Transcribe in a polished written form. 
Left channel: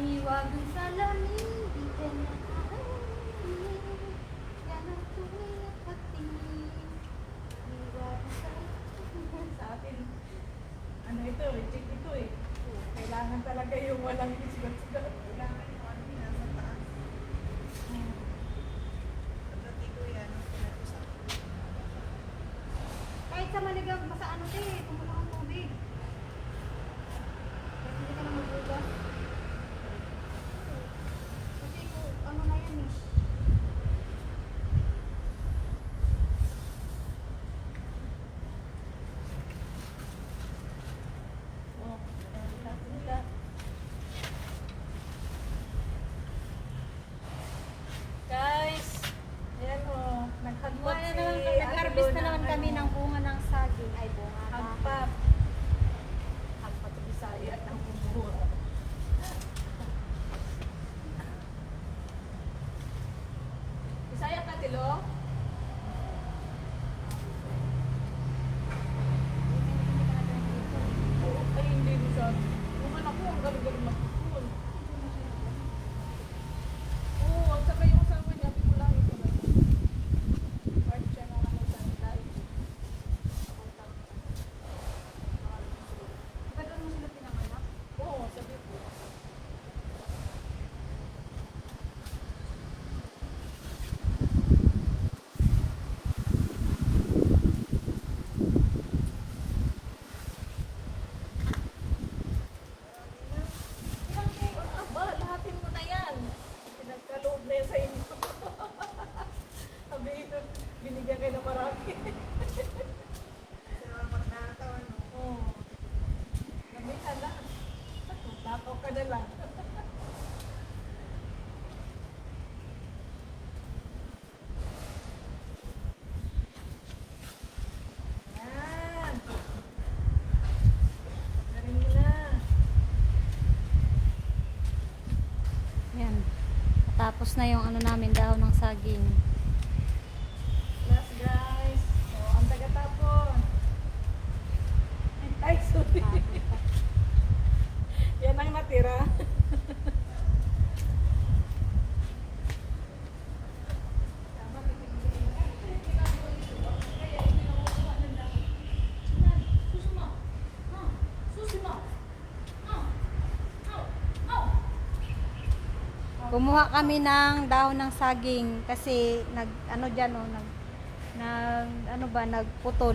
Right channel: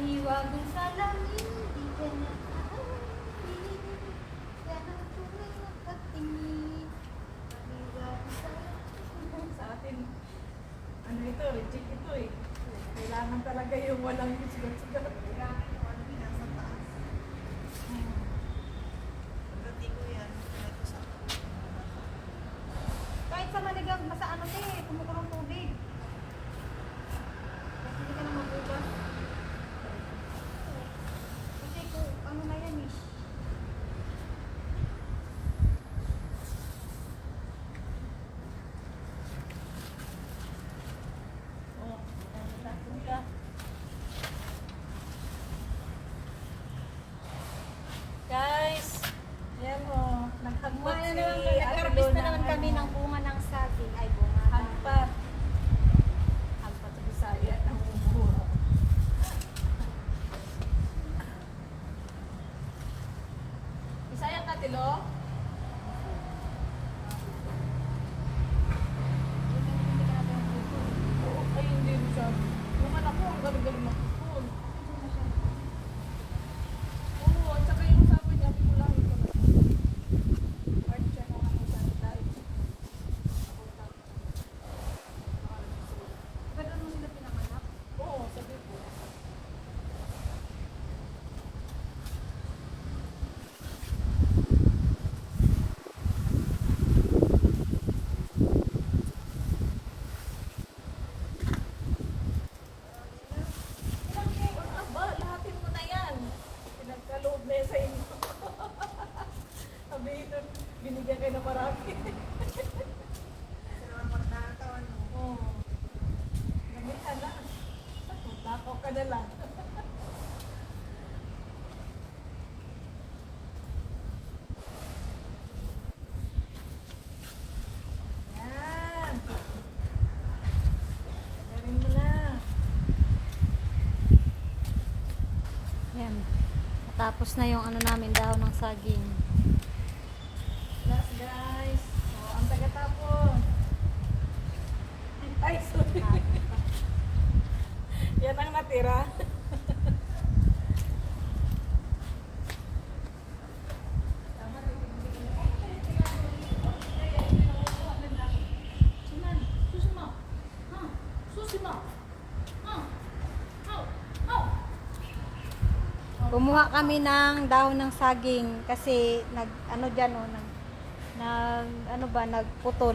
Mahiwagang salamin, di ka na aamin. Ganang tuwing nakatingin. Mahiwagang salamin. Sa atin, ano ito, reject ito eh. Kailangan talaga yung walang sugat-sugat. Kailangan yung ano, nasa taas. Pagdating ko yan, ito sa Kahit sa maligang, basta ano eh, kumukulong tubig. Kahit hindi ka na magugas. Kasi kung ano na yan eh. Oh, punta. Guys, yan o, naghagpat si Nag-harvest na naman kami ng bunga ng saging. Ay, bunga ba? hagpat. Hagpat sa Bisaya ng bumbura. Bisaya ka, Tilo? Oo, ay hindi mo siya. Yung anak ko, ang galing-galing magpupul. Oo, at saka yung sa akin, sabi ko lang ito na. Part siya ng ano sa tayo. Ba't doon mo sila pinanganak? Oo, sabi ko. Aba, lahatin mo na yan. Pinagkaloob na yan sa inyo. Sabi ito, binigyan kayo na marami. salamat na katawan mo. Oo. Gamit ka na. Takaw ka na lang. Yan. Galing mo na. Yan. Tapos na yung ano namin, dahon ng saging. Last guys. So, ang taga-tapon. Ay, sorry. Yan ang natira. Kumuha kami ng dahon ng saging kasi nag ano diyan oh, nag ano ba nagputol.